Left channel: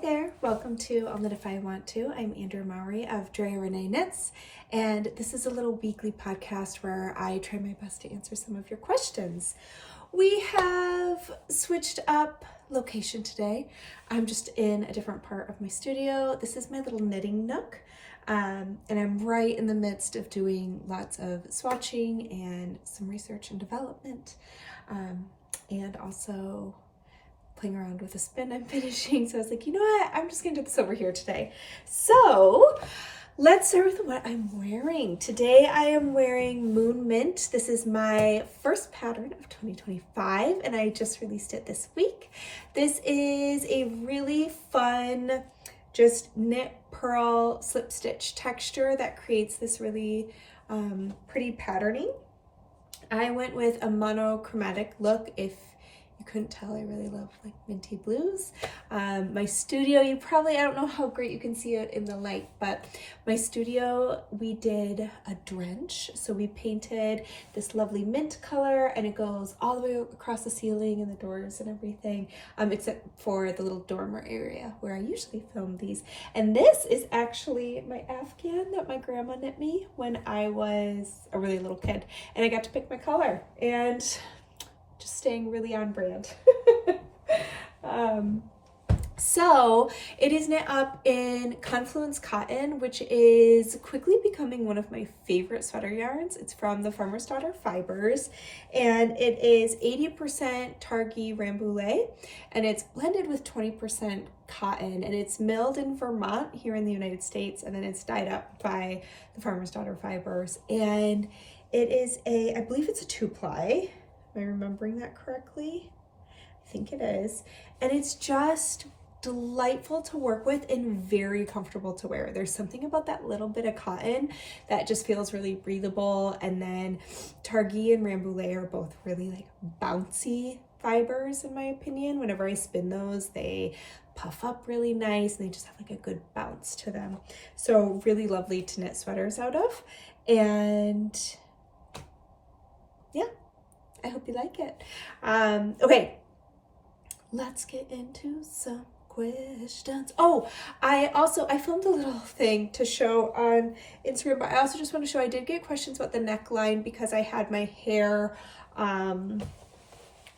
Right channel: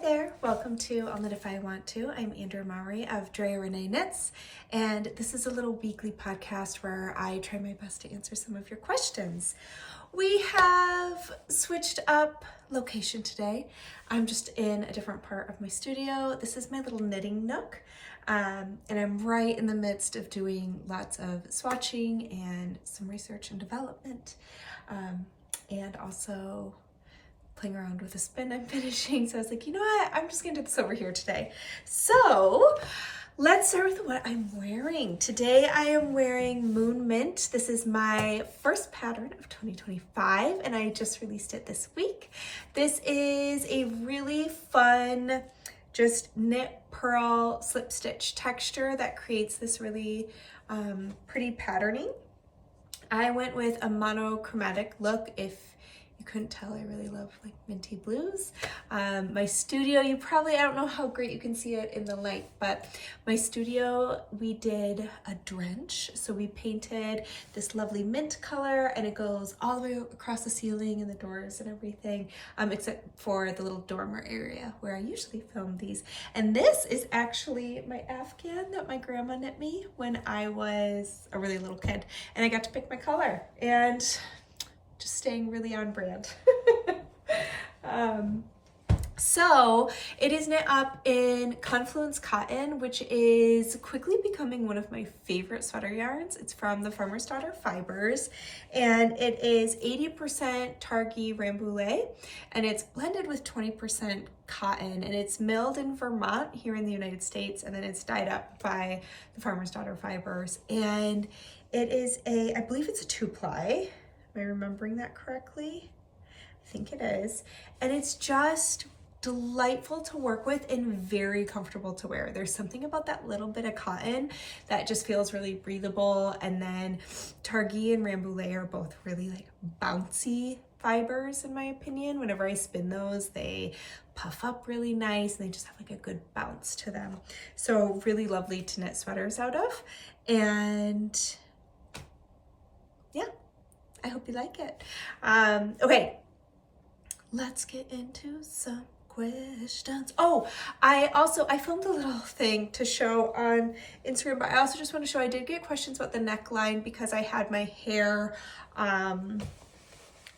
there, welcome to I'll Knit If I Want To. I'm Andrew Mowry of Drea Renee Knits, and this is a little weekly podcast where I try my best to answer some of your questions. We have switched up location today. I'm just in a different part of my studio. This is my little knitting nook, and I'm right in the midst of doing lots of swatching and some research and development, and also playing around with a spin I'm finishing. So I was like, you know what? I'm just gonna do this over here today. So let's start with what I'm wearing. Today I am wearing Moon Mint. This is my first pattern of 2025 and I just released it this week. This is a really fun, just knit purl slip stitch texture that creates this really pretty patterning. I went with a monochromatic look. If you couldn't tell, I really love like minty blues. My studio, I don't know how great you can see it in the light, but my studio, we did a drench. So we painted this lovely mint color and it goes all the way across the ceiling and the doors and everything, except for the little dormer area where I usually film these. And this is actually my Afghan that my grandma knit me when I was a really little kid, and I got to pick my color and just staying really on brand. So it is knit up in Confluence Cotton, which is quickly becoming one of my favorite sweater yarns. It's from the Farmer's Daughter Fibers, and it is 80% Targhee Rambouillet, and it's blended with 20% cotton, and it's milled in Vermont here in the United States, and then it's dyed up by the Farmer's Daughter Fibers. And it is I believe it's a 2-ply. Am I remembering that correctly? I think it is. And it's just delightful to work with and very comfortable to wear. There's something about that little bit of cotton that just feels really breathable. And then Targhee and Rambouillet are both really like bouncy fibers in my opinion. Whenever I spin those, they puff up really nice and they just have like a good bounce to them. So really lovely to knit sweaters out of. And yeah, I hope you like it. Okay, let's get into some questions. Oh, I filmed a little thing to show on Instagram, but I also just want to show I did get questions about the neckline because I had my hair, a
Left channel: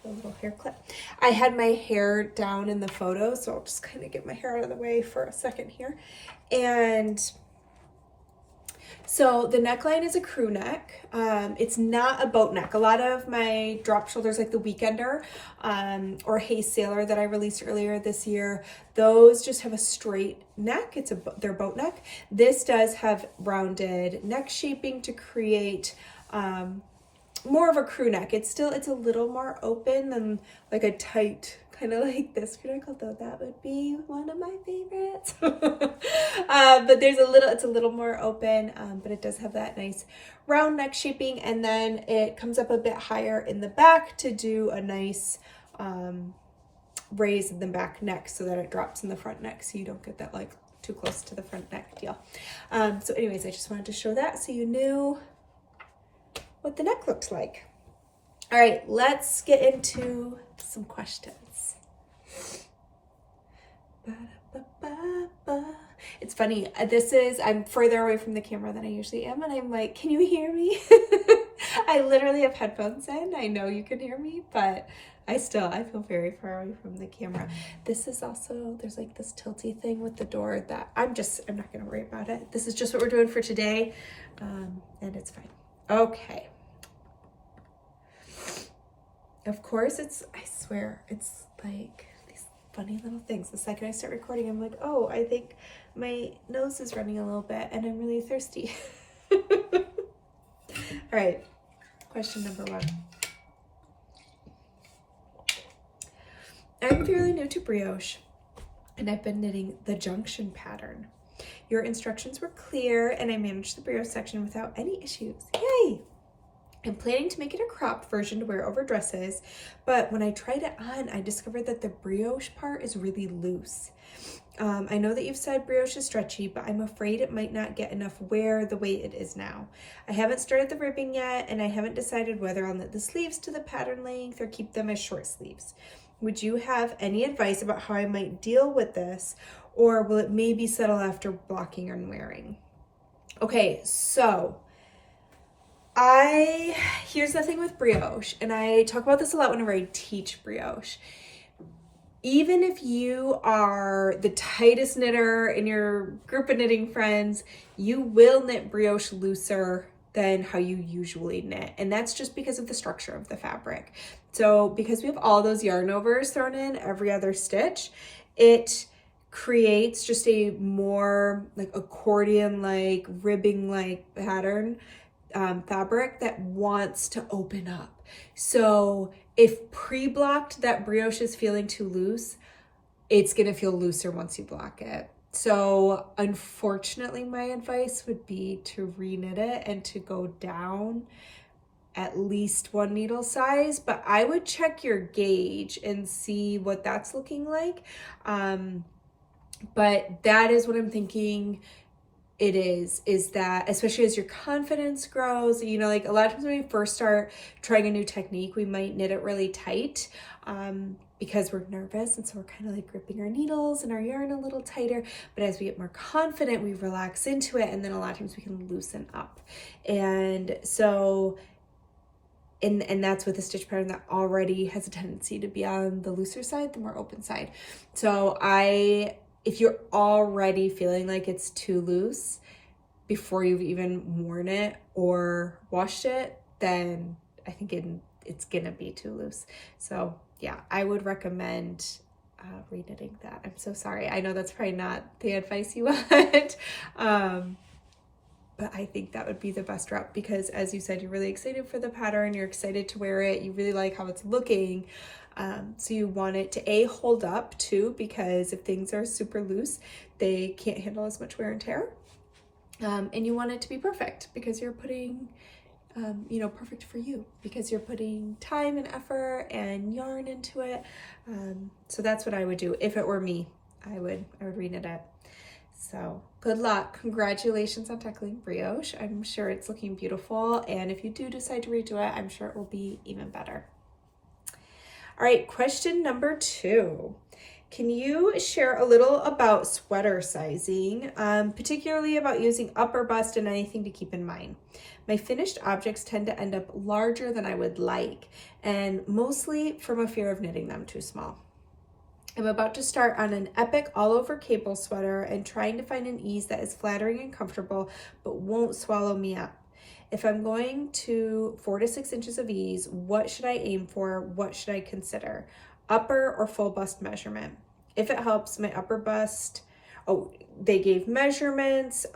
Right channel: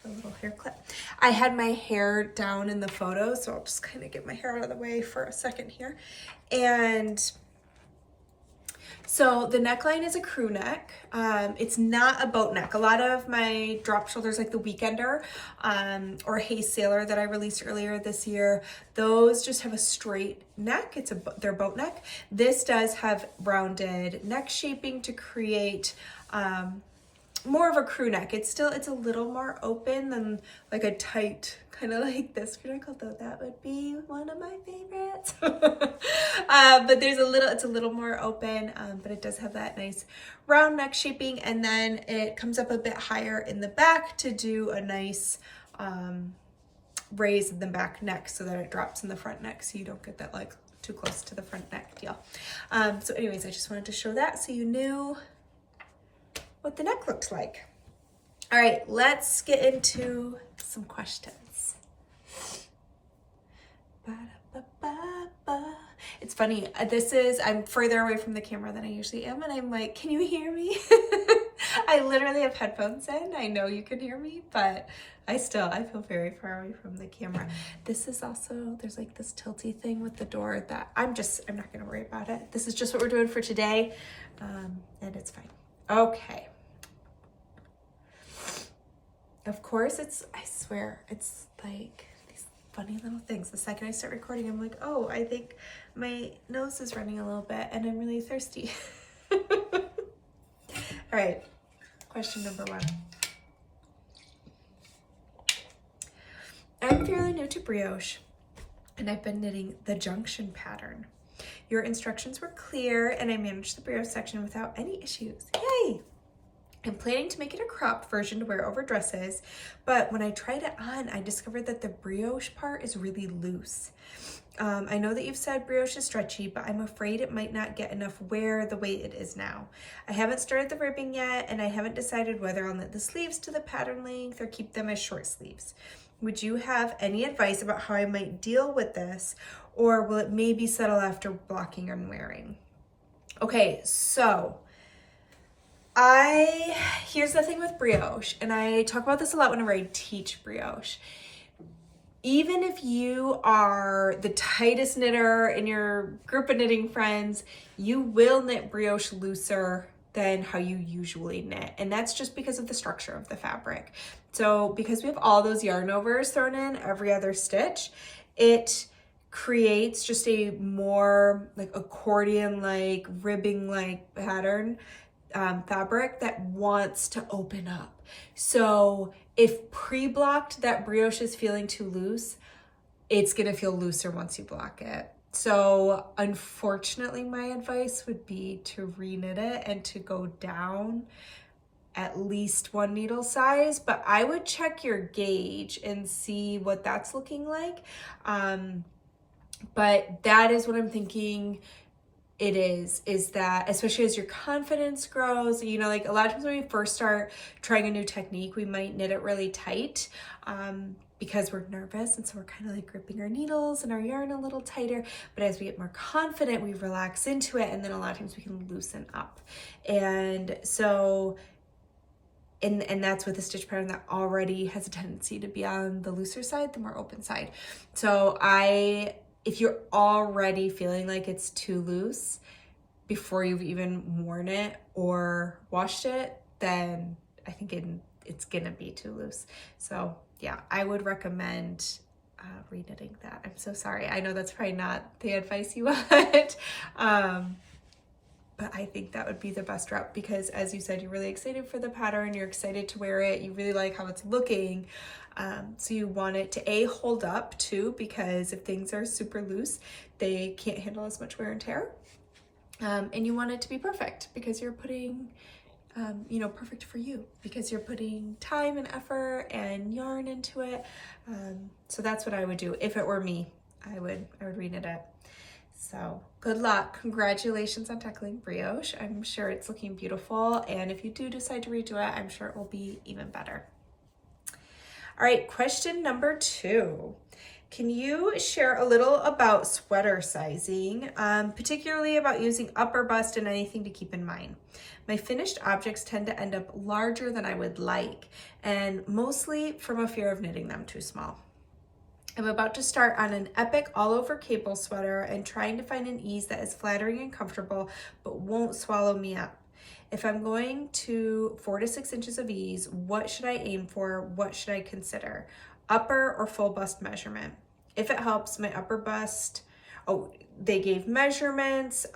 little hair clip. I had my hair down in the photo, so I'll just kind of get my hair out of the way for a second here. And so the neckline is a crew neck. It's not a boat neck. A lot of my drop shoulders, like the Weekender or Hey Sailor that I released earlier this year, those just have a straight neck. They're boat neck. This does have rounded neck shaping to create more of a crew neck. It's a little more open than like a tight, kind of like this crew neck, although that would be one of my favorites. But it's a little more open, but it does have that nice round neck shaping, and then it comes up a bit higher in the back to do a nice raise in the back neck so that it drops in the front neck so you don't get that like too close to the front neck deal. So anyways, I just wanted to show that so you knew what the neck looked like. All right, let's get into some questions. It's funny, I'm further away from the camera than I usually am, and I'm like, can you hear me? I literally have headphones in. I know you can hear me, but I feel very far away from the camera. This is also, there's like this tilty thing with the door that I'm not gonna worry about it. This is just what we're doing for today, and it's fine. Okay. Of course, I swear, it's like these funny little things. The second I start recording, I'm like, oh, I think my nose is running a little bit and I'm really thirsty. All right, question number 1. I'm fairly new to brioche and I've been knitting the Junction pattern. Your instructions were clear and I managed the brioche section without any issues. Yay! I'm planning to make it a cropped version to wear over dresses, but when I tried it on, I discovered that the brioche part is really loose. I know that you've said brioche is stretchy, but I'm afraid it might not get enough wear the way it is now. I haven't started the ribbing yet, and I haven't decided whether I'll knit the sleeves to the pattern length or keep them as short sleeves. Would you have any advice about how I might deal with this, or will it maybe settle after blocking and wearing? Okay, so here's the thing with brioche, and I talk about this a lot whenever I teach brioche. Even if you are the tightest knitter in your group of knitting friends, you will knit brioche looser than how you usually knit. And that's just because of the structure of the fabric. So because we have all those yarn overs thrown in every other stitch, it creates just a more like accordion-like, ribbing-like pattern fabric that wants to open up. So if pre-blocked that brioche is feeling too loose, it's gonna feel looser once you block it. So unfortunately, my advice would be to reknit it and to go down at least 1 needle size, but I would check your gauge and see what that's looking like. But that is what I'm thinking it is that, especially as your confidence grows, you know, like a lot of times when we first start trying a new technique, we might knit it really tight because we're nervous, and so we're kind of like gripping our needles and our yarn a little tighter. But as we get more confident, we relax into it, and then a lot of times we can loosen up. And so and that's with a stitch pattern that already has a tendency to be on the looser side, the more open side. So if you're already feeling like it's too loose before you've even worn it or washed it, then I think it's gonna be too loose. So yeah, I would recommend reknitting that. I'm so sorry. I know that's probably not the advice you want, but I think that would be the best route because, as you said, you're really excited for the pattern, you're excited to wear it, you really like how it's looking. So you want it to hold up too, because if things are super loose, they can't handle as much wear and tear. And you want it to be perfect because you're putting, perfect for you because you're putting time and effort and yarn into it. So that's what I would do. If it were me, I would reknit it. So good luck. Congratulations on tackling brioche. I'm sure it's looking beautiful. And if you do decide to redo it, I'm sure it will be even better. All right, question number 2. Can you share a little about sweater sizing, particularly about using upper bust and anything to keep in mind? My finished objects tend to end up larger than I would like, and mostly from a fear of knitting them too small. I'm about to start on an epic all-over cable sweater and trying to find an ease that is flattering and comfortable, but won't swallow me up. If I'm going to 4 to 6 inches of ease, what should I aim for? What should I consider? Upper or full bust measurement? If it helps, my upper bust, they gave measurements,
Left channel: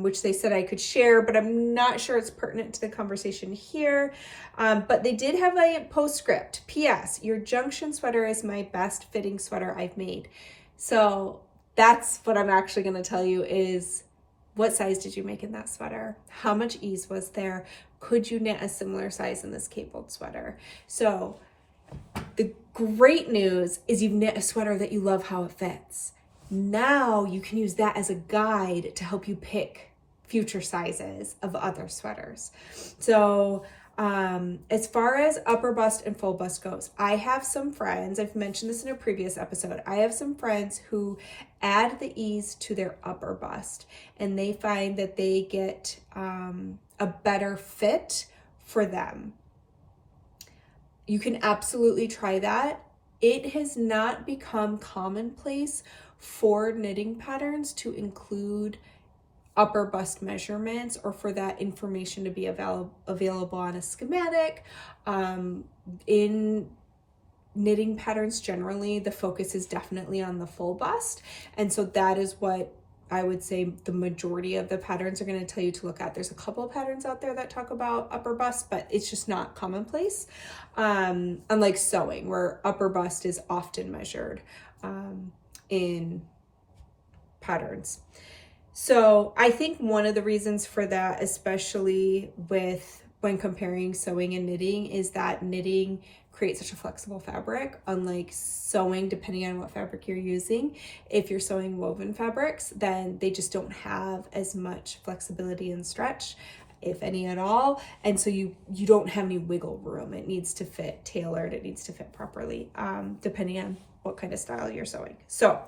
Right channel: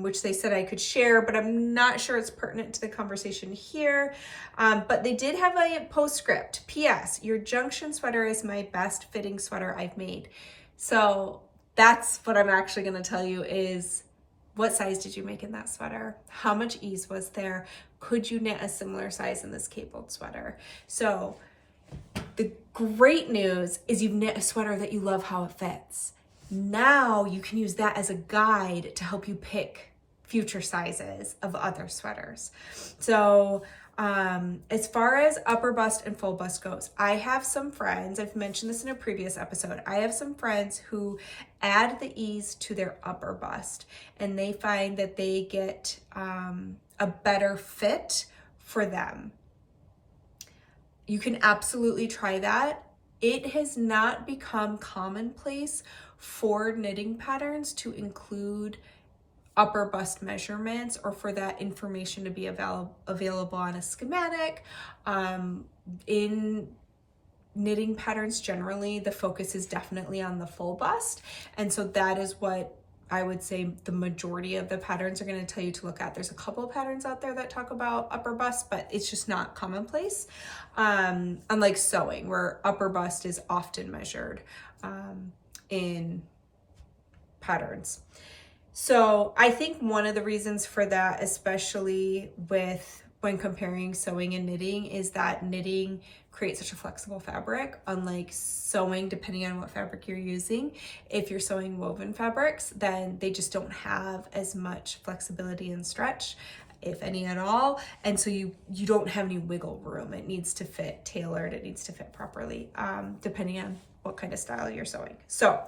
which they said I could share, but I'm not sure it's pertinent to the conversation here. But they did have a postscript. P.S. Your Junction sweater is my best fitting sweater I've made. So that's what I'm actually going to tell you is, what size did you make in that sweater? How much ease was there? Could you knit a similar size in this cabled sweater? So the great news is you've knit a sweater that you love how it fits. Now you can use that as a guide to help you pick future sizes of other sweaters. So as far as upper bust and full bust goes, I have some friends, I've mentioned this in a previous episode, I have some friends who add the ease to their upper bust, and they find that they get a better fit for them. You can absolutely try that. It has not become commonplace for knitting patterns to include upper bust measurements or for that information to be available on a schematic. In knitting patterns generally, the focus is definitely on the full bust, and so that is what I would say the majority of the patterns are going to tell you to look at. There's a couple of patterns out there that talk about upper bust, but it's just not commonplace, unlike sewing where upper bust is often measured in patterns. So I think one of the reasons for that, especially when comparing sewing and knitting, is that knitting creates such a flexible fabric, unlike sewing, depending on what fabric you're using. If you're sewing woven fabrics, then they just don't have as much flexibility and stretch. if any at all. And so you don't have any wiggle room. It needs to fit tailored. It needs to fit properly, depending on what kind of style you're sewing. So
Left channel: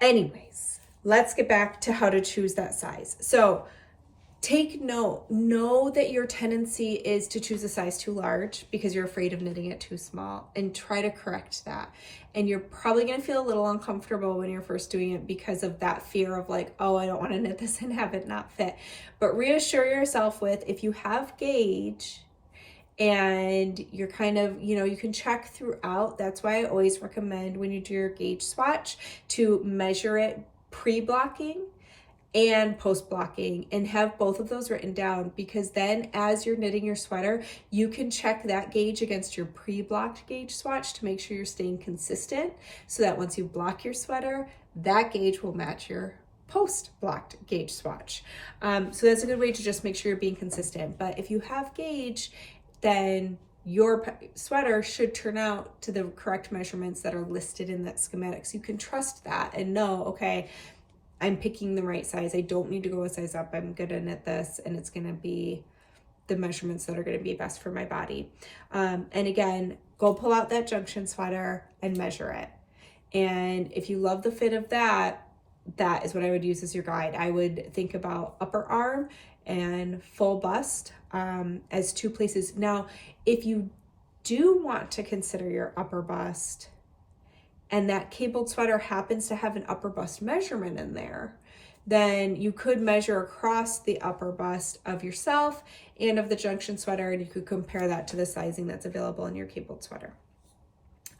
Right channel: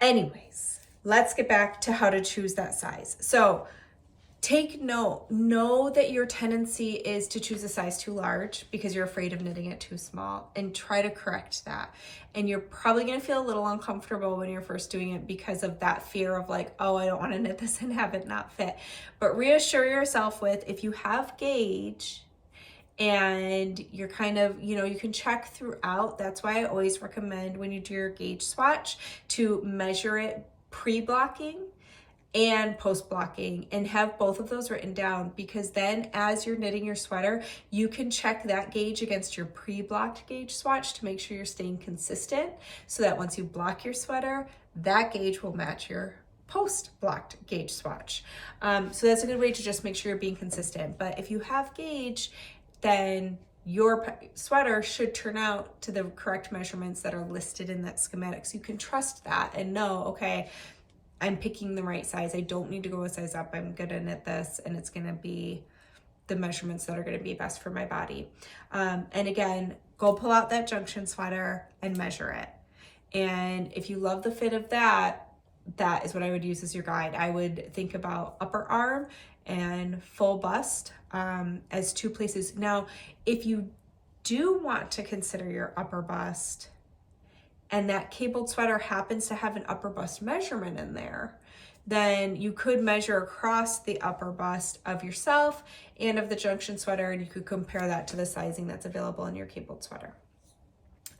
anyways, let's get back to how to choose that size. So take note, know that your tendency is to choose a size too large because you're afraid of knitting it too small, and try to correct that. And you're probably going to feel a little uncomfortable when you're first doing it because of that fear of like, oh, I don't want to knit this and have it not fit. But reassure yourself with, if you have gauge and you're kind of, you can check throughout. That's why I always recommend when you do your gauge swatch to measure it pre-blocking and post-blocking, and have both of those written down, because then as you're knitting your sweater, you can check that gauge against your pre-blocked gauge swatch to make sure you're staying consistent, so that once you block your sweater, that gauge will match your post-blocked gauge swatch. So that's a good way to just make sure you're being consistent. But if you have gauge, then your sweater should turn out to the correct measurements that are listed in that schematic. So you can trust that and know, okay, I'm picking the right size. I don't need to go a size up. I'm gonna knit this, and it's gonna be the measurements that are gonna be best for my body. And again, go pull out that Junction sweater and measure it. And if you love the fit of that, that is what I would use as your guide. I would think about upper arm and full bust as two places. Now, if you do want to consider your upper bust, and that cabled sweater happens to have an upper bust measurement in there, then you could measure across the upper bust of yourself and of the Junction sweater, and you could compare that to the sizing that's available in your cabled sweater.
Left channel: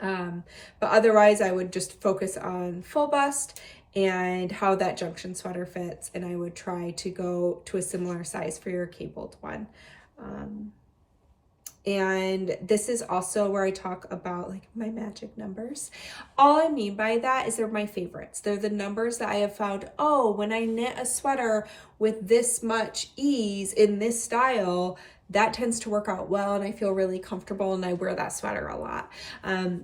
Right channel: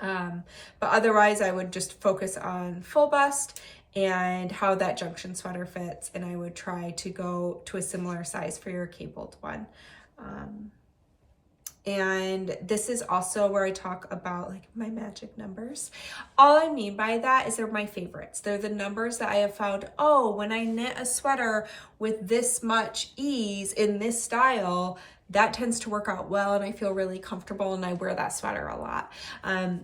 But otherwise, I would just focus on full bust and how that Junction sweater fits, and I would try to go to a similar size for your cabled one. And this is also where I talk about like my magic numbers. All I mean by that is they're my favorites. They're the numbers that I have found, oh, when I knit a sweater with this much ease in this style, that tends to work out well, and I feel really comfortable, and I wear that sweater a lot.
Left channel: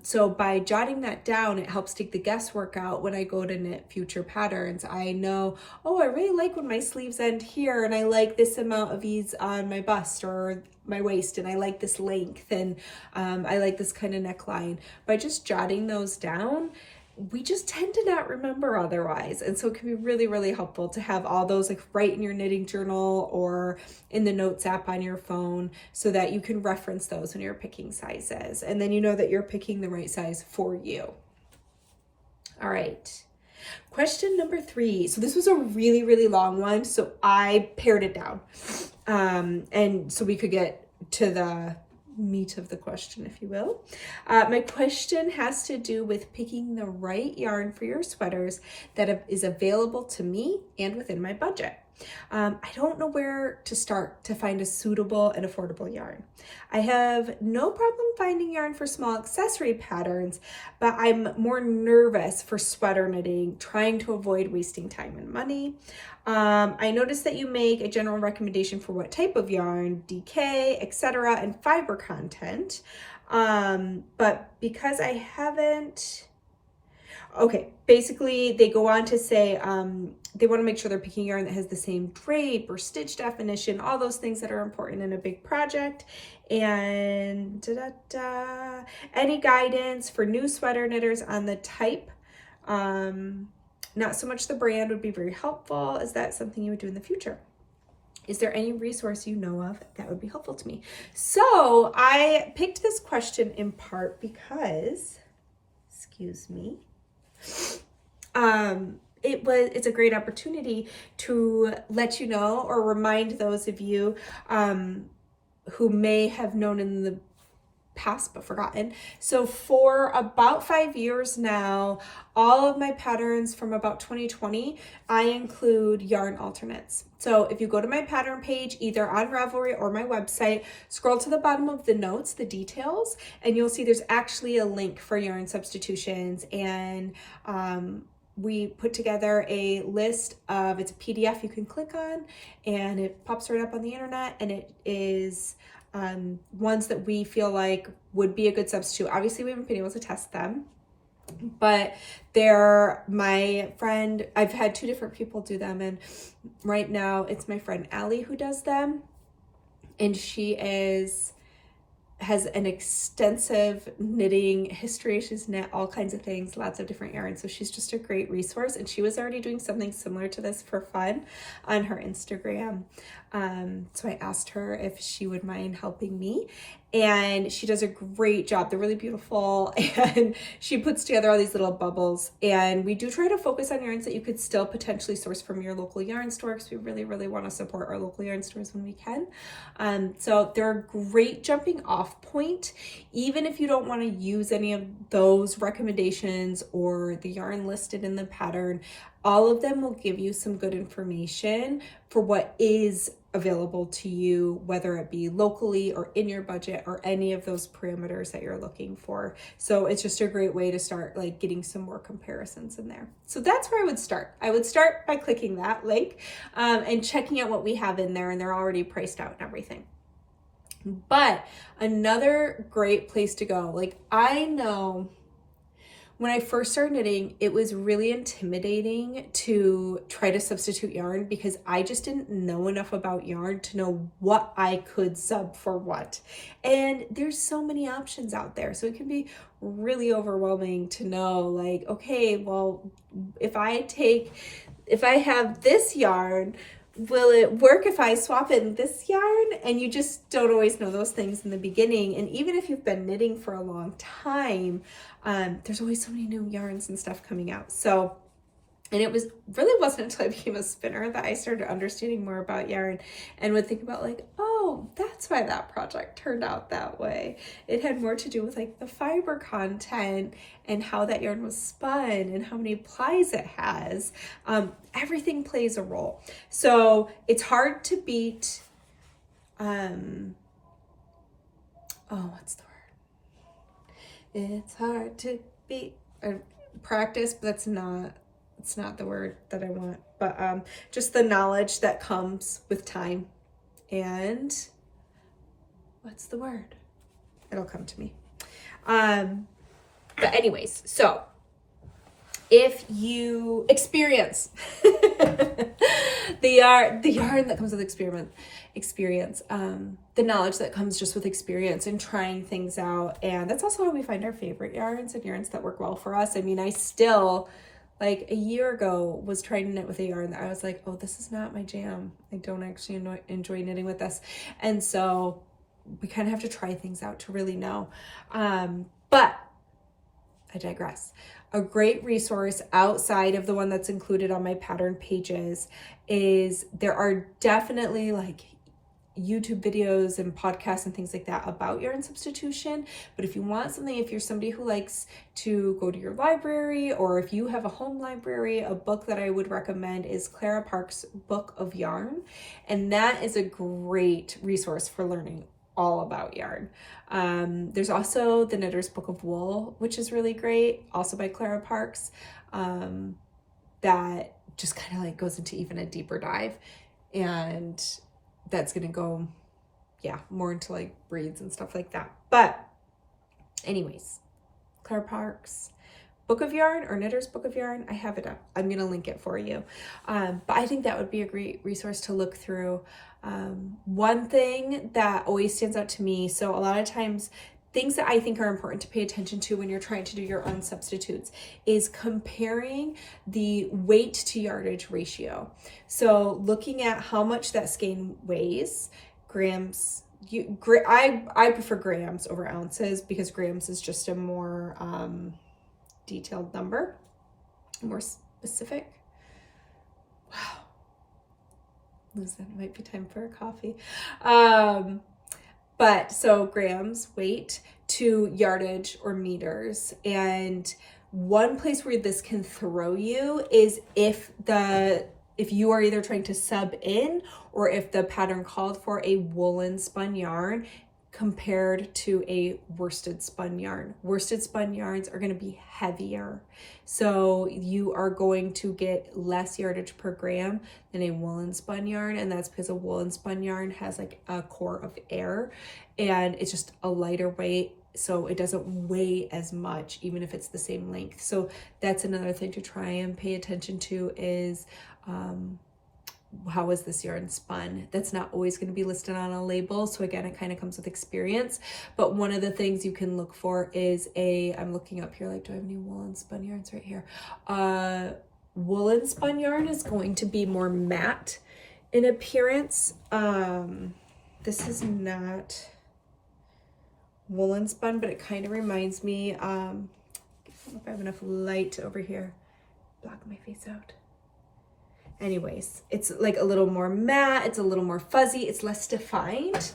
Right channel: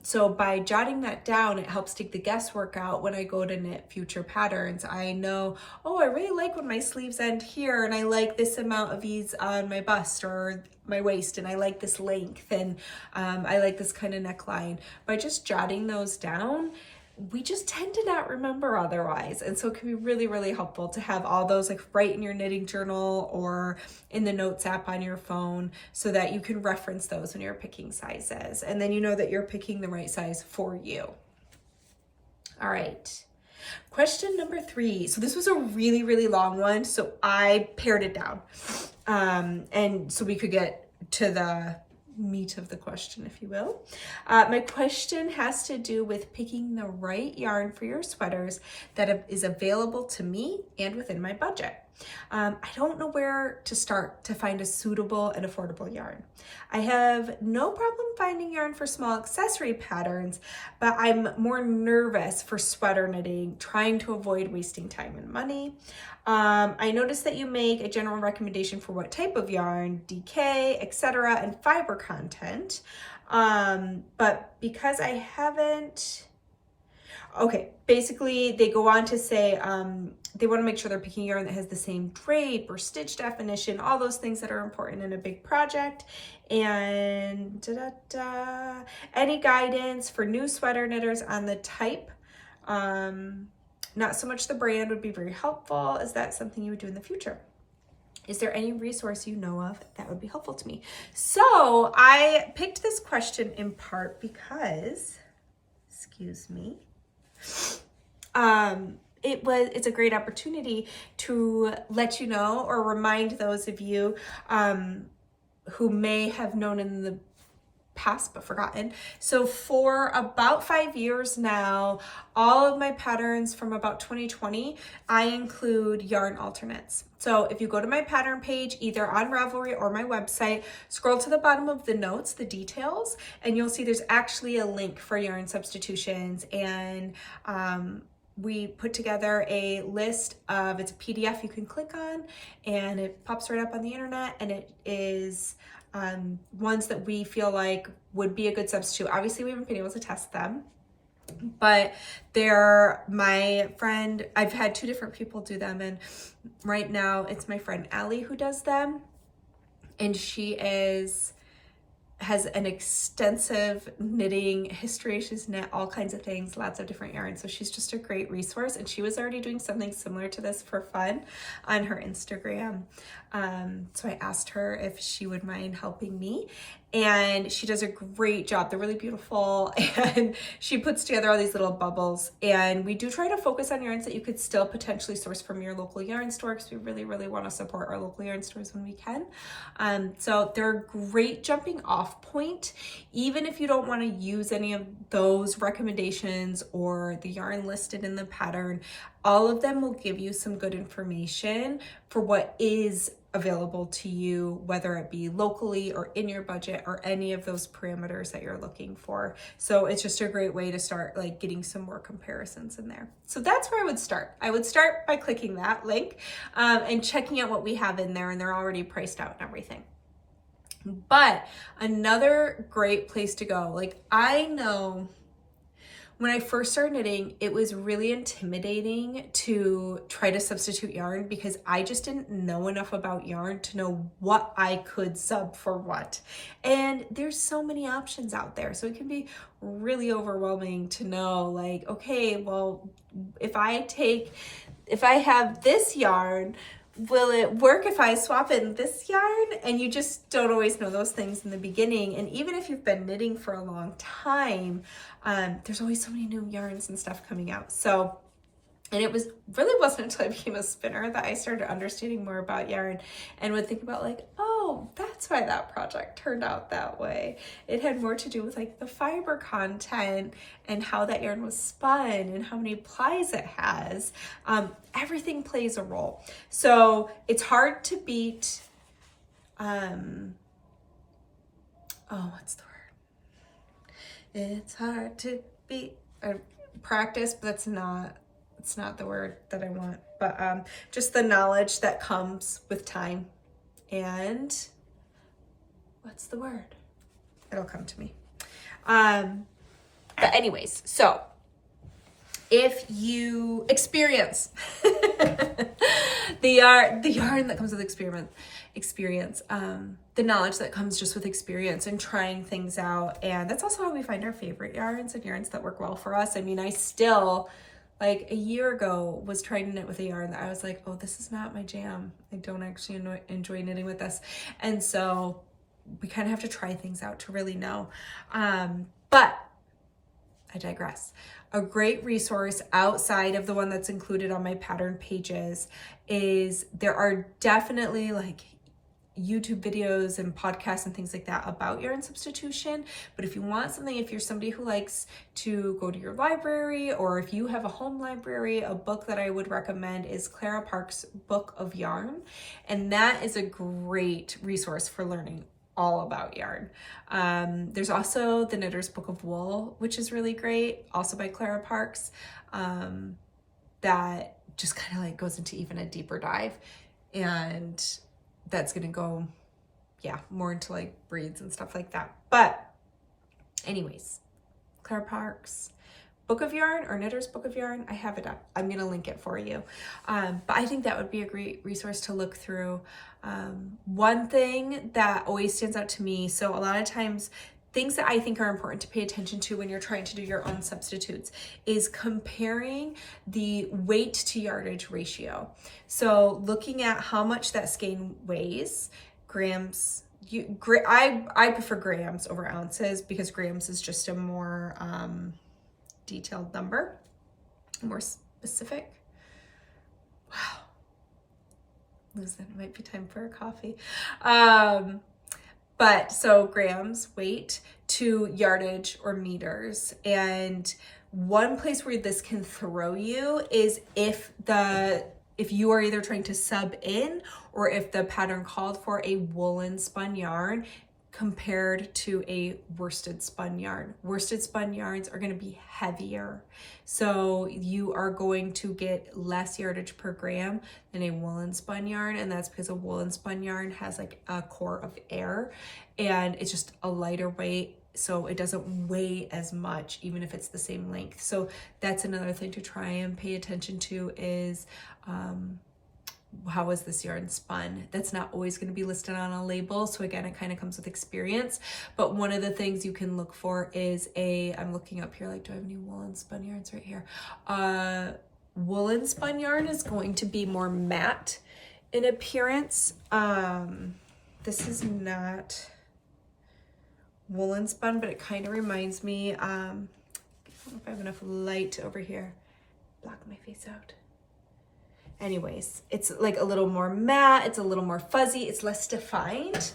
So by jotting that down, it helps take the guesswork out when I go to knit future patterns. I know, oh, I really like when my sleeves end here, and I like this amount of ease on my bust or my waist, and I like this length, and I like this kind of neckline. By just jotting those down, we just tend to not remember otherwise. And so it can be really, really helpful to have all those like right in your knitting journal or in the notes app on your phone, so that you can reference those when you're picking sizes. And then you know that you're picking the right size for you. All right. Question number 3. So this was a really, really long one, so I pared it down. And so we could get to the meat of the question, if you will. My question has to do with picking the right yarn for your sweaters that is available to me and within my budget. I don't know where to start to find a suitable and affordable yarn. I have no problem finding yarn for small accessory patterns, but I'm more nervous for sweater knitting, trying to avoid wasting time and money. I noticed that you make a general recommendation for what type of yarn, DK, etc., and fiber content. But because I haven't, okay, basically they go on to say they want to make sure they're picking yarn that has the same drape or stitch definition, all those things that are important in a big project. And any guidance for new sweater knitters on the type, not so much the brand, would be very helpful. Is that something you would do in the future? Is there any resource you know of that would be helpful to me? So I picked this question in part because, excuse me, it's a great opportunity to let you know or remind those of you who may have known in the past but forgotten. So for about 5 years now, all of my patterns from about 2020, I include yarn alternates. So if you go to my pattern page, either on Ravelry or my website, scroll to the bottom of the notes, the details, and you'll see there's actually a link for yarn substitutions. And we put together a list of, it's a PDF you can click on, and it pops right up on the internet, and it is ones that we feel like would be a good substitute. Obviously, we haven't been able to test them, But my friend, I've had 2 different people do them, and right now it's my friend Allie who does them, and she has an extensive knitting history. She's knit all kinds of things, lots of different yarns. So she's just a great resource. And she was already doing something similar to this for fun on her Instagram. So I asked her if she would mind helping me. And she does a great job. They're really beautiful. And she puts together all these little bubbles. And we do try to focus on yarns that you could still potentially source from your local yarn store, because we really, really want to support our local yarn stores when we can. So they're a great jumping off point, even if you don't want to use any of those recommendations or the yarn listed in the pattern. All of them will give you some good information for what is available to you, whether it be locally or in your budget or any of those parameters that you're looking for. So it's just a great way to start like getting some more comparisons in there. So that's where I would start. I would start by clicking that link and checking out what we have in there, and they're already priced out and everything. But another great place to go, like I know when I first started knitting, it was really intimidating to try to substitute yarn, because I just didn't know enough about yarn to know what I could sub for what. And there's so many options out there. So it can be really overwhelming to know, like, okay, well, if I have this yarn, will it work if I swap in this yarn? And you just don't always know those things in the beginning. And even if you've been knitting for a long time, there's always so many new yarns and stuff coming out. So, and it wasn't until I became a spinner that I started understanding more about yarn and would think about like, oh, that's why that project turned out that way. It had more to do with like the fiber content and how that yarn was spun and how many plies it has. Everything plays a role. So it's hard to beat, what's the word? It's hard to beat practice, but it's not the word that I want, but just the knowledge that comes with time. And what's the word? It'll come to me. But anyways, so if you experience the yarn that comes with experience, the knowledge that comes just with experience and trying things out. And that's also how we find our favorite yarns and yarns that work well for us. I mean, I still, like a year ago, was trying to knit with a yarn that I was like, oh, this is not my jam. I don't actually enjoy knitting with this. And so we kind of have to try things out to really know. But I digress. A great resource outside of the one that's included on my pattern pages is there are definitely like YouTube videos and podcasts and things like that about yarn substitution. But if you want something, if you're somebody who likes to go to your library, or if you have a home library, a book that I would recommend is Clara Parks' Book of Yarn. And that is a great resource for learning all about yarn. There's also the Knitter's Book of Wool, which is really great, also by Clara Parks, that just kind of like goes into even a deeper dive. And that's going to go, more into like breeds and stuff like that. But anyways, Clara Parks Book of Yarn or Knitter's Book of Yarn, I have it up. I'm going to link it for you. But I think that would be a great resource to look through. One thing that always stands out to me, so a lot of times things that I think are important to pay attention to when you're trying to do your own substitutes is comparing the weight to yardage ratio. So looking at how much that skein weighs, grams. I prefer grams over ounces, because grams is just a more detailed number, more specific. Wow. Listen, it might be time for a coffee. But so grams, weight, to yardage or meters. And one place where this can throw you is if you are either trying to sub in, or if the pattern called for a woolen spun yarn compared to a worsted spun yarn. Worsted spun yarns are going to be heavier. So you are going to get less yardage per gram than a woolen spun yarn. And that's because a woolen spun yarn has like a core of air, and it's just a lighter weight. so it doesn't weigh as much, even if it's the same length. So that's another thing to try and pay attention to is, how is this yarn spun? That's not always going to be listed on a label. So again, it kind of comes with experience. But one of the things you can look for is I'm looking up here, like, do I have any woolen spun yarns right here? Woolen spun yarn is going to be more matte in appearance. This is not woolen spun, but it kind of reminds me, I don't know if I have enough light over here. Block my face out. Anyways, it's like a little more matte, it's a little more fuzzy, it's less defined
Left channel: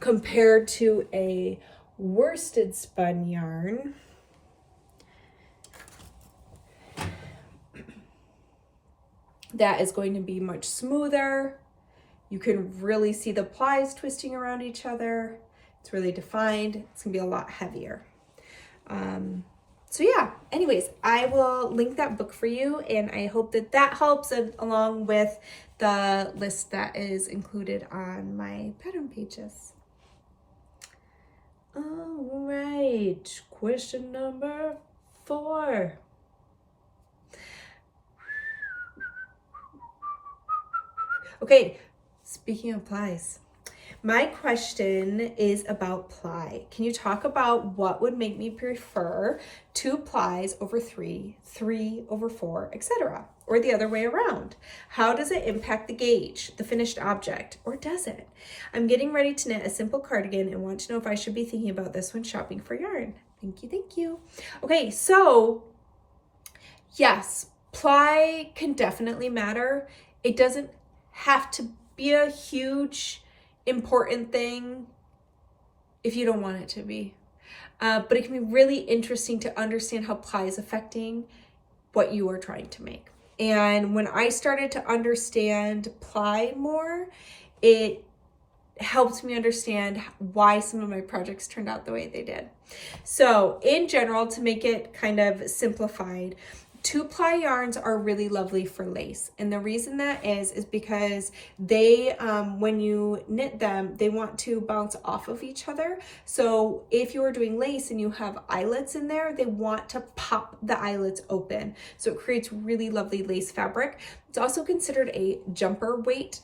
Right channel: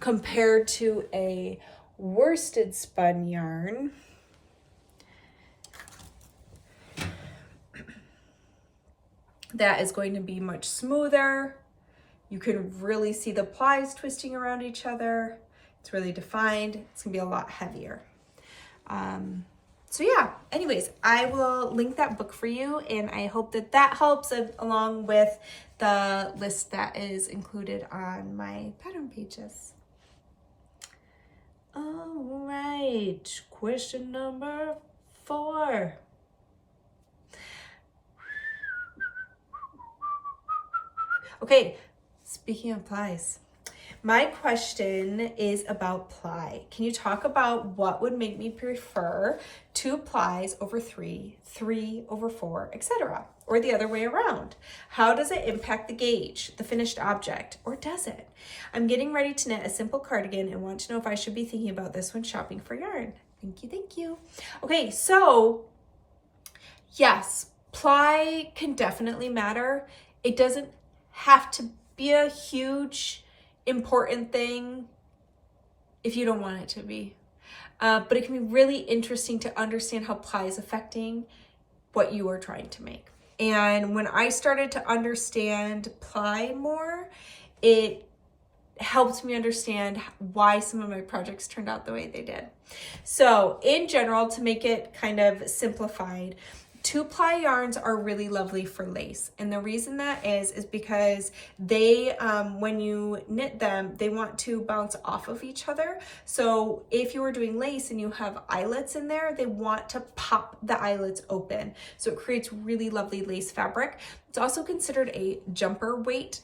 compared to a worsted spun yarn. That is going to be much smoother. You can really see the plies twisting around each other. It's really defined. It's gonna be a lot heavier. So yeah, anyways, I will link that book for you, and I hope that that helps, along with the list that is included on my pattern pages. All right, question number 4. Okay, speaking of plies, my question is about ply. Can you talk about what would make me prefer 2 plies over 3, 3 over 4, etc., or the other way around? How does it impact the gauge, the finished object, or does it? I'm getting ready to knit a simple cardigan and want to know if I should be thinking about this when shopping for yarn. Thank you, thank you. Okay, so yes, ply can definitely matter. It doesn't have to be a huge important thing if you don't want it to be. But it can be really interesting to understand how ply is affecting what you are trying to make. And when I started to understand ply more, it helped me understand why some of my projects turned out the way they did. So in general, to make it kind of simplified, 2-ply yarns are really lovely for lace. And the reason that is because they, when you knit them, they want to bounce off of each other. So if you are doing lace and you have eyelets in there, they want to pop the eyelets open. So it creates really lovely lace fabric. It's also considered a jumper weight,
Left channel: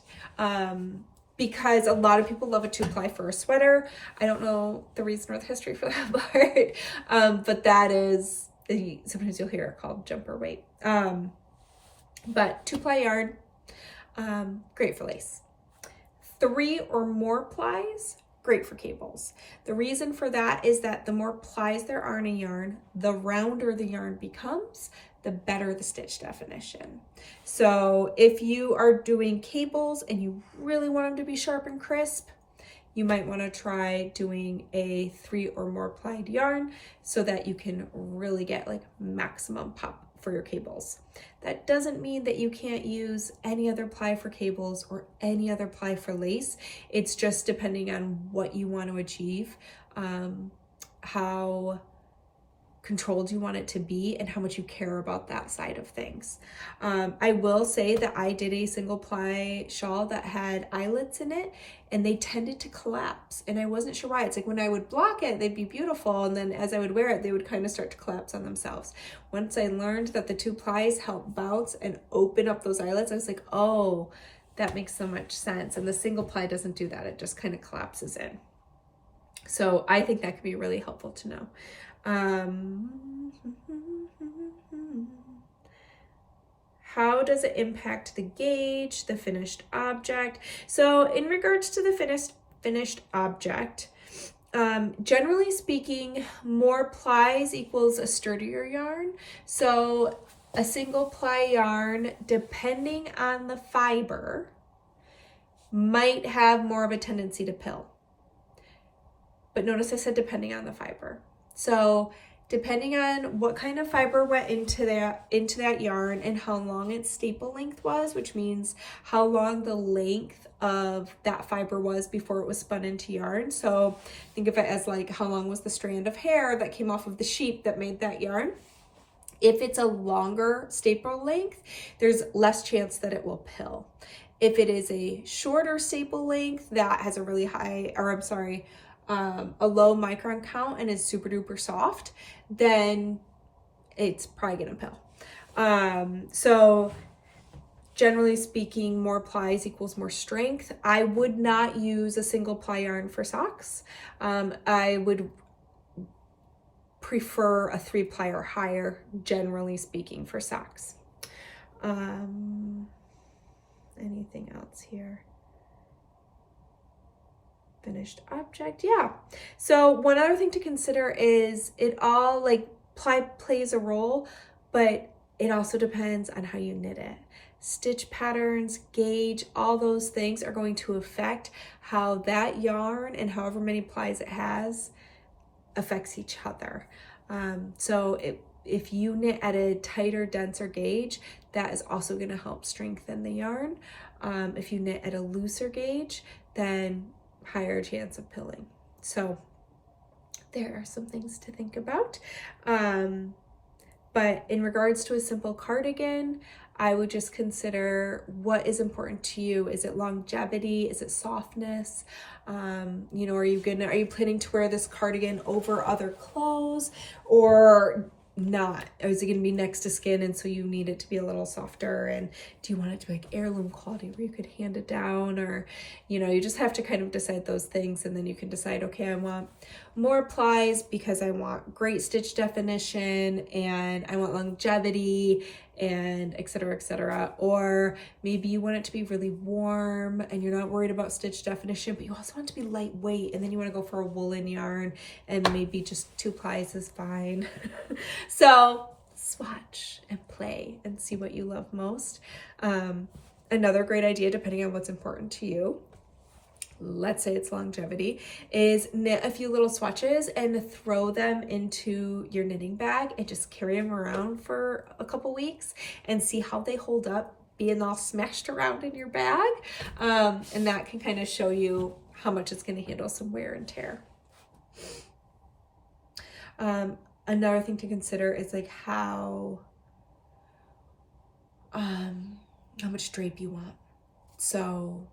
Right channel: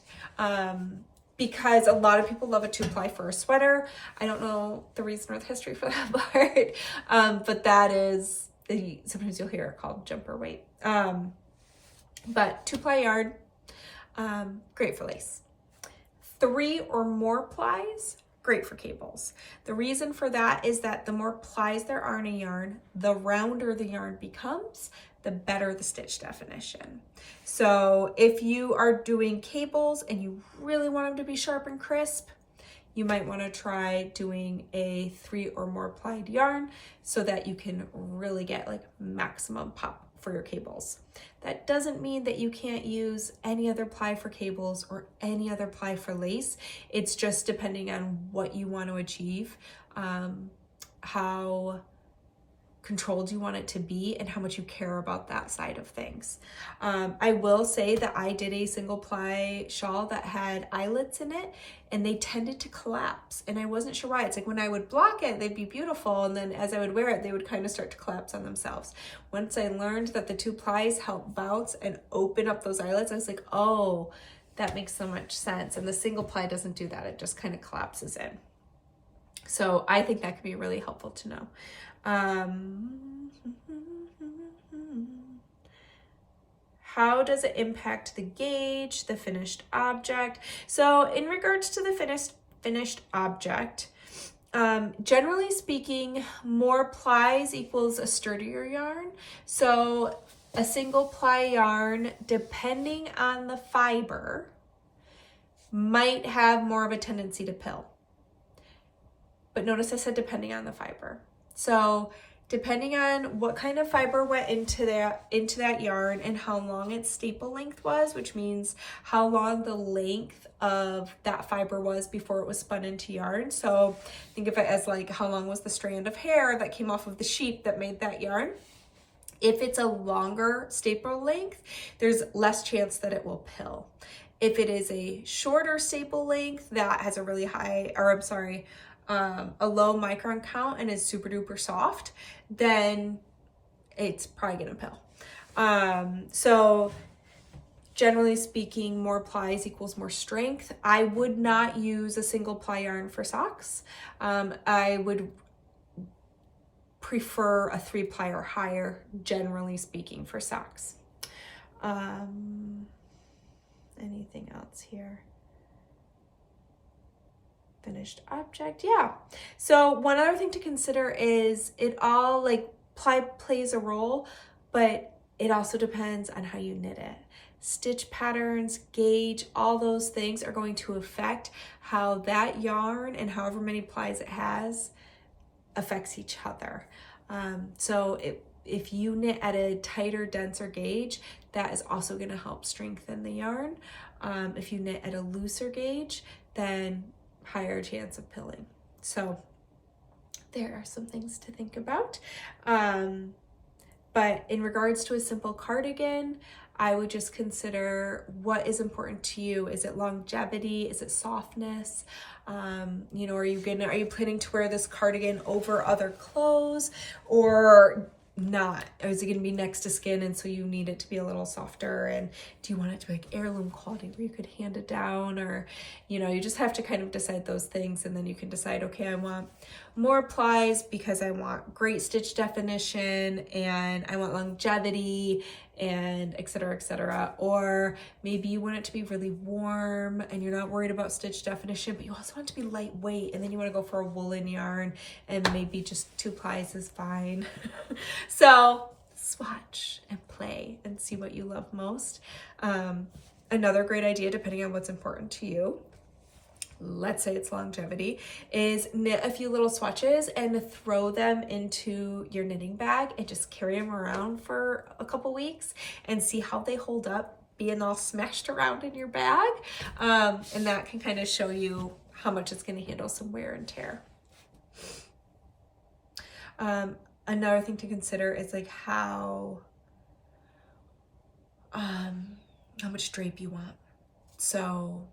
because a lot of people love a 2-ply for a sweater. I don't know the reason or the history for that part, but that is, sometimes you'll hear it called jumper weight. But 2-ply yarn, great for lace. 3 or more plies, great for cables. The reason for that is that the more plies there are in a yarn, the rounder the yarn becomes, the better the stitch definition. So if you are doing cables and you really want them to be sharp and crisp, you might want to try doing a 3 or more plied yarn so that you can really get like maximum pop for your cables. That doesn't mean that you can't use any other ply for cables or any other ply for lace. It's just depending on what you want to achieve, how controlled you want it to be, and how much you care about that side of things. I will say that I did a single ply shawl that had eyelets in it, and they tended to collapse, and I wasn't sure why. It's like when I would block it, they'd be beautiful, and then as I would wear it, they would kind of start to collapse on themselves. Once I learned that the 2 plies help bounce and open up those eyelets, I was like, oh, that makes so much sense. And the single ply doesn't do that. It just kind of collapses in. So I think that could be really helpful to know. How does it impact the gauge, the finished object? So in regards to the finished object, generally speaking, more plies equals a sturdier yarn. So a single ply yarn, depending on the fiber, might have more of a tendency to pill. But notice I said depending on the fiber. So depending on what kind of fiber went into that yarn and how long its staple length was, which means how long the length of that fiber was before it was spun into yarn. So think of it as like how long was the strand of hair that came off of the sheep that made that yarn. If it's a longer staple length, there's less chance that it will pill. If it is a shorter staple length that has a really high, or I'm sorry, a low micron count and is super duper soft, then it's probably gonna pill. So generally speaking, more plies equals more strength. I would not use a single ply yarn for socks. I would prefer a 3-ply or higher, generally speaking, for socks. Anything else here? Finished object, yeah. So one other thing to consider is it all, like, ply plays a role, but it also depends on how you knit it. Stitch patterns, gauge, all those things are going to affect how that yarn and however many plies it has affects each other. So if you knit at a tighter, denser gauge, that is also going to help strengthen the yarn. If you knit at a looser gauge, then higher chance of pilling. So there are some things to think about. But in regards to a simple cardigan, I would just consider what is important to you. Is it longevity? Is it softness? You know, are you planning to wear this cardigan over other clothes or not? Or is it going to be next to skin and so you need it to be a little softer? And do you want it to be like heirloom quality where you could hand it down? Or, you know, you just have to kind of decide those things, and then you can decide, okay, I want more plies because I want great stitch definition and I want longevity and et cetera, or maybe you want it to be really warm and you're not worried about stitch definition, but you also want it to be lightweight, and then you want to go for a woolen yarn and maybe just 2 plies is fine. So swatch and play and see what you love most. Another great idea, depending on what's important to you, let's say it's longevity, is knit a few little swatches and throw them into your knitting bag and just carry them around for a couple weeks and see how they hold up being all smashed around in your bag. And that can kind of show you how much it's going to handle some wear and tear. Another thing to consider is like how much drape you want. So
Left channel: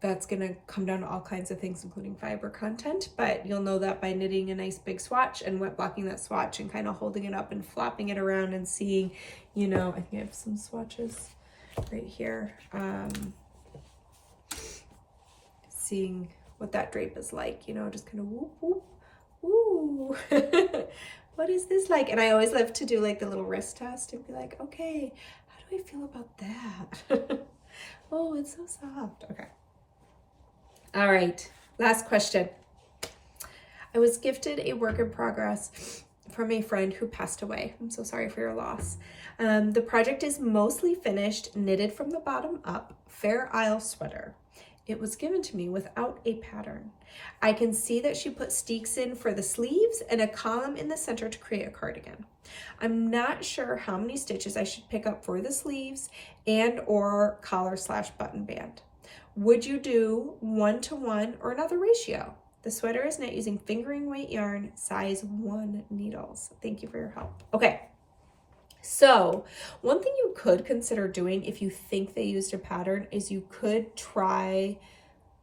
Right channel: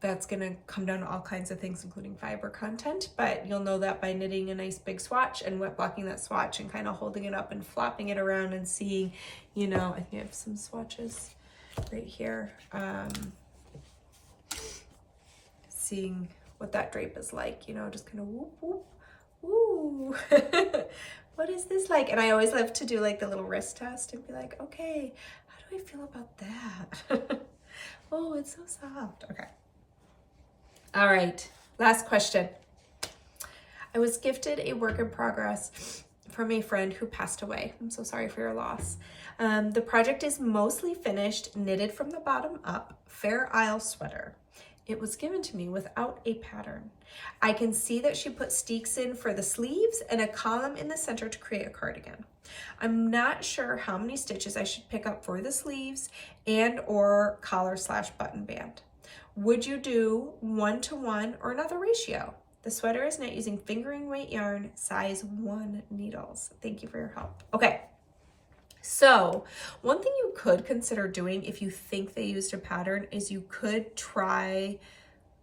that's going to come down to all kinds of things, including fiber content, but you'll know that by knitting a nice big swatch and wet blocking that swatch and kind of holding it up and flopping it around and seeing, you know, I think I have some swatches right here, seeing what that drape is like, you know, just kind of whoop, whoop, ooh. What is this like? And I always love to do like the little wrist test and be like, okay, how do I feel about that? Oh, it's so soft. Okay. All right, last question. I was gifted a work in progress from a friend who passed away. I'm so sorry for your loss. The project is mostly finished, knitted from the bottom up, Fair Isle sweater. It was given to me without a pattern. I can see that she put steeks in for the sleeves and a column in the center to create a cardigan. I'm not sure how many stitches I should pick up for the sleeves and or collar/button band. Would you do 1-to-1 or another ratio? The sweater is knit using fingering weight yarn, size 1 needles. Thank you for your help. Okay, so one thing you could consider doing if you think they used a pattern is you could try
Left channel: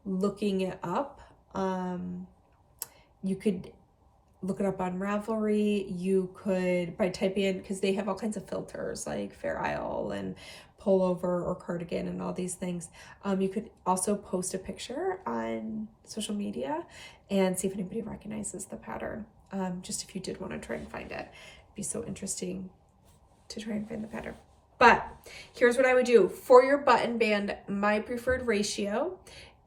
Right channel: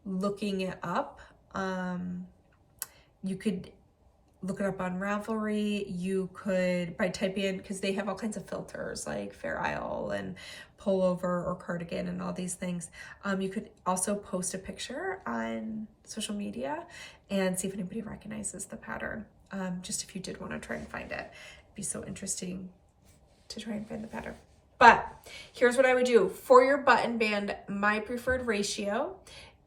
looking it up. You could look it up on Ravelry. You could, by typing in, because they have all kinds of filters like Fair Isle and pullover or cardigan and all these things. You could also post a picture on social media and see if anybody recognizes the pattern. Just if you did want to try and find it, it'd be so interesting to try and find the pattern. But here's what I would do for your button band. My preferred ratio,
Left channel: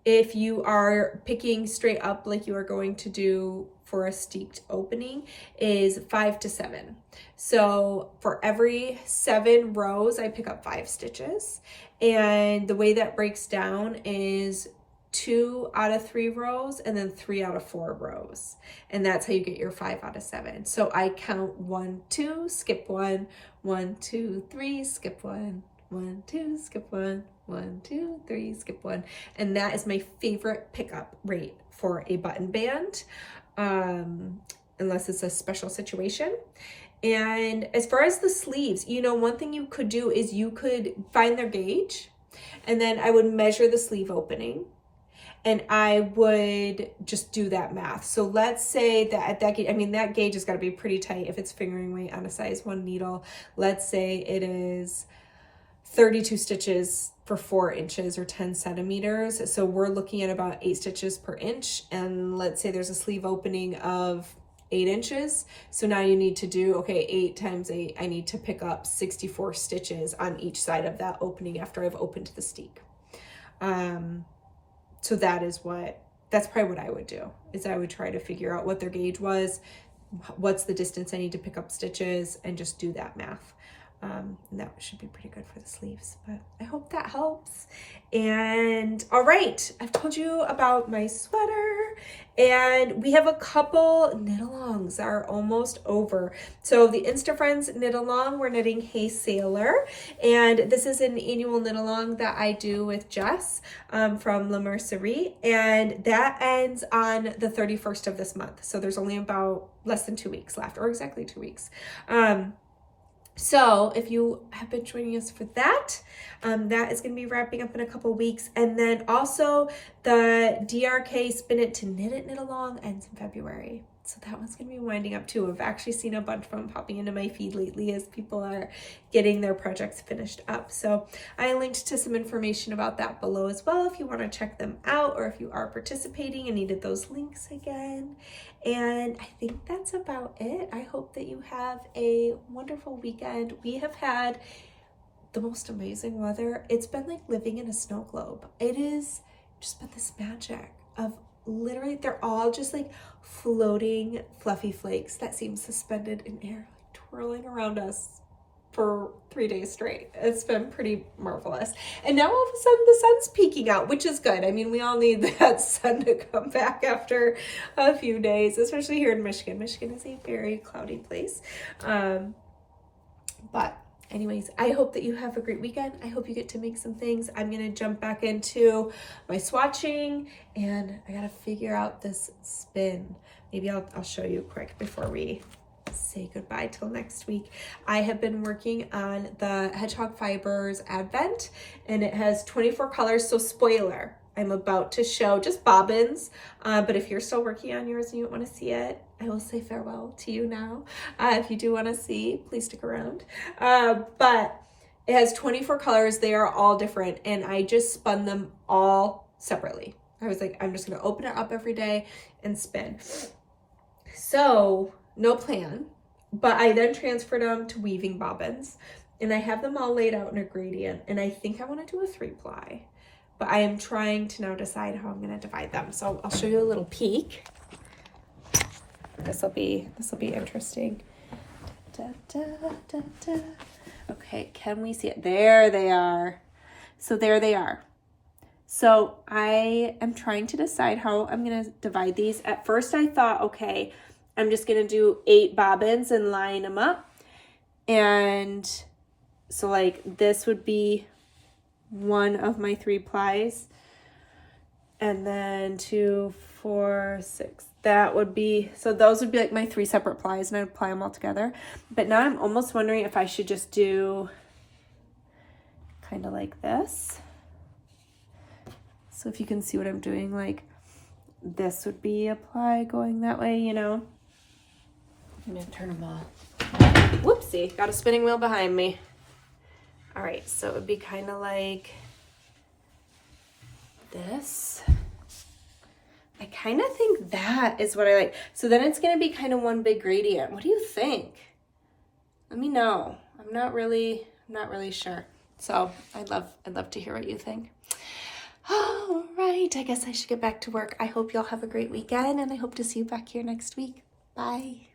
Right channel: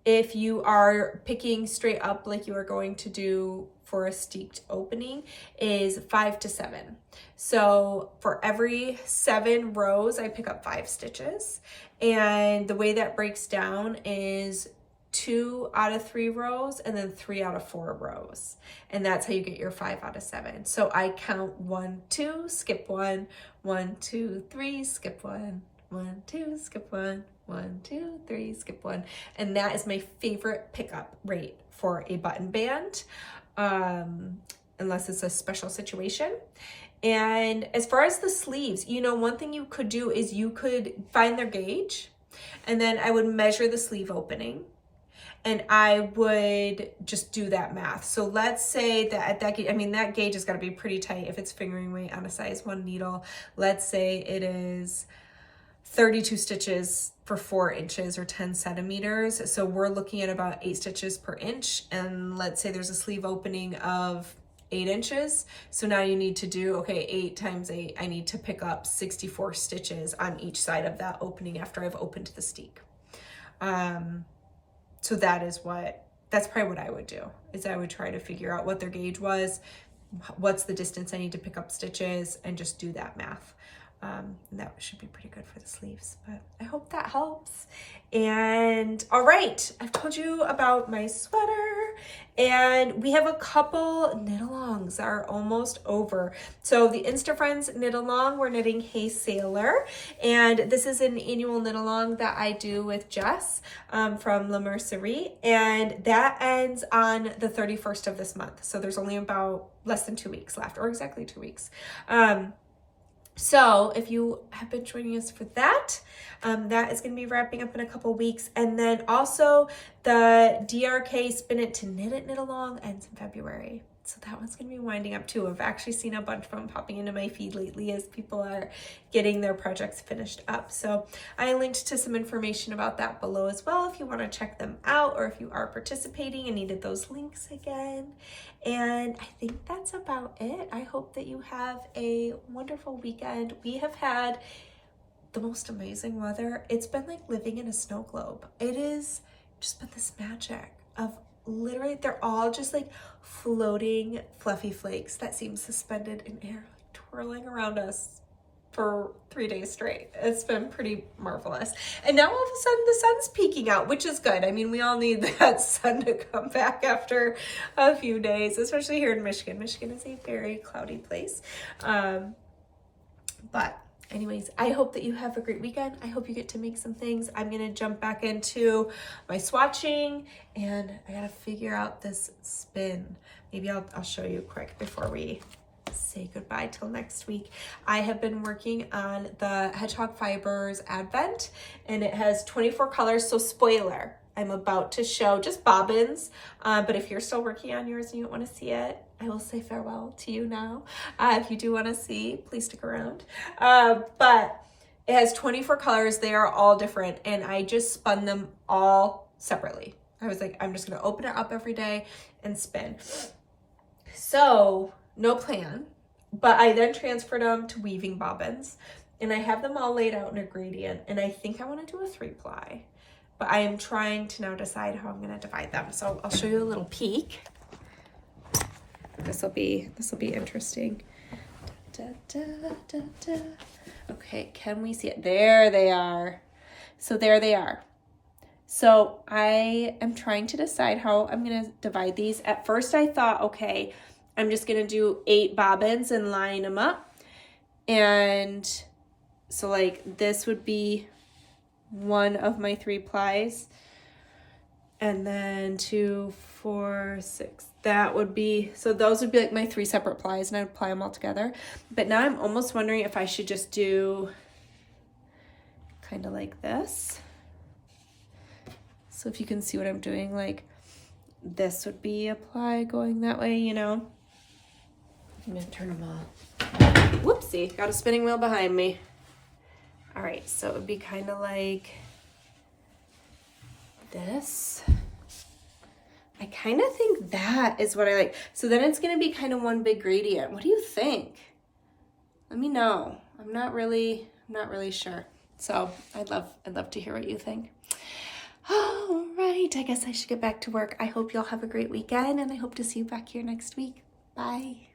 if you are picking straight up like you are going to do for a steeked opening, is 5-to-7. So for every 7 rows, I pick up 5 stitches. And the way that breaks down is 2 out of 3 rows and then 3 out of 4 rows. And that's how you get your 5 out of 7. So I count 1, 2, skip 1, 1, 2, 3, skip 1, 1, 2, skip 1, 1, 2, 3, skip 1. And that is my favorite pickup rate for a button band, unless it's a special situation. And as far as the sleeves, you know, one thing you could do is you could find their gauge, and then I would measure the sleeve opening. and I would just do that math. So let's say that at that gauge, I mean, that gauge has got to be pretty tight if it's fingering weight on a size 1 needle. Let's say it is 32 stitches for 4 inches or 10 centimeters. So we're looking at about 8 stitches per inch. And let's say there's a sleeve opening of 8 inches. So now you need to do, okay, 8 times 8, I need to pick up 64 stitches on each side of that opening after I've opened the steek. So that's probably what I would do, is I would try to figure out what their gauge was, what's the distance I need to pick up stitches, and just do that math. And that should be pretty good for the sleeves, but I hope that helps. And all right, I've told you about my sweater, and we have a couple knit-alongs that are almost over. So the Insta Friends knit-along, we're knitting Hey Sailor, and this is an annual knit-along that I do with Jess from La Mercerie, and that ends on the 31st of this month. So there's only about less than 2 weeks left, or exactly 2 weeks. So if you have been joining us for that, that is going to be wrapping up in a couple weeks. And then also the DRK Spin It to Knit It Knit Along ends in February. So that one's going to be winding up too. I've actually seen a bunch of them popping into my feed lately as people are getting their projects finished up. So I linked to some information about that below as well if you want to check them out, or if you are participating and needed those links again. And I think that's about it. I hope that you have a wonderful weekend. We have had the most amazing weather. It's been like living in a snow globe. It is just been this magic of literally, they're all just like floating fluffy flakes that seem suspended in air, like twirling around us for 3 days straight. It's been pretty marvelous. And now all of a sudden the sun's peeking out, which is good. I mean, we all need that sun to come back after a few days, especially here in Michigan. Michigan is a very cloudy place. But anyways, I hope that you have a great weekend. I hope you get to make some things. I'm going to jump back into my swatching, and I got to figure out this spin. Maybe I'll show you quick before we say goodbye till next week. I have been working on the Hedgehog Fibers Advent, and it has 24 colors. So spoiler, I'm about to show just bobbins, but if you're still working on yours and you don't want to see it, I will say farewell to you now. If you do want to see, please stick around. But it has 24 colors. They are all different, and I just spun them all separately. I was like, I'm just going to open it up every day and spin. So no plan, but I then transferred them to weaving bobbins, and I have them all laid out in a gradient, and I think I want to do a 3-ply, but I am trying to now decide how I'm going to divide them. So I'll show you a little peek. This will be interesting. Da, da, da, da. Okay, can we see it? There they are. So there they are. So I am trying to decide how I'm going to divide these. At first I thought, okay, I'm just going to do 8 bobbins and line them up. And so like this would be one of my 3-plies. And then 2, 4, 6. That would be, so those would be like my 3 separate plies, and I would ply them all together. But now I'm almost wondering if I should just do kind of like this. So if you can see what I'm doing, like this would be a ply going that way, you know. I'm gonna turn them off. Whoopsie, got a spinning wheel behind me. All right, so it would be kind of like this. I kind of think that is what I like. So then it's going to be kind of one big gradient. What do you think? Let me know. I'm not really sure. So I'd love to hear what you think. All right, I guess I should get back to work. I hope y'all have a great weekend, and I hope to see you back here next week. Bye.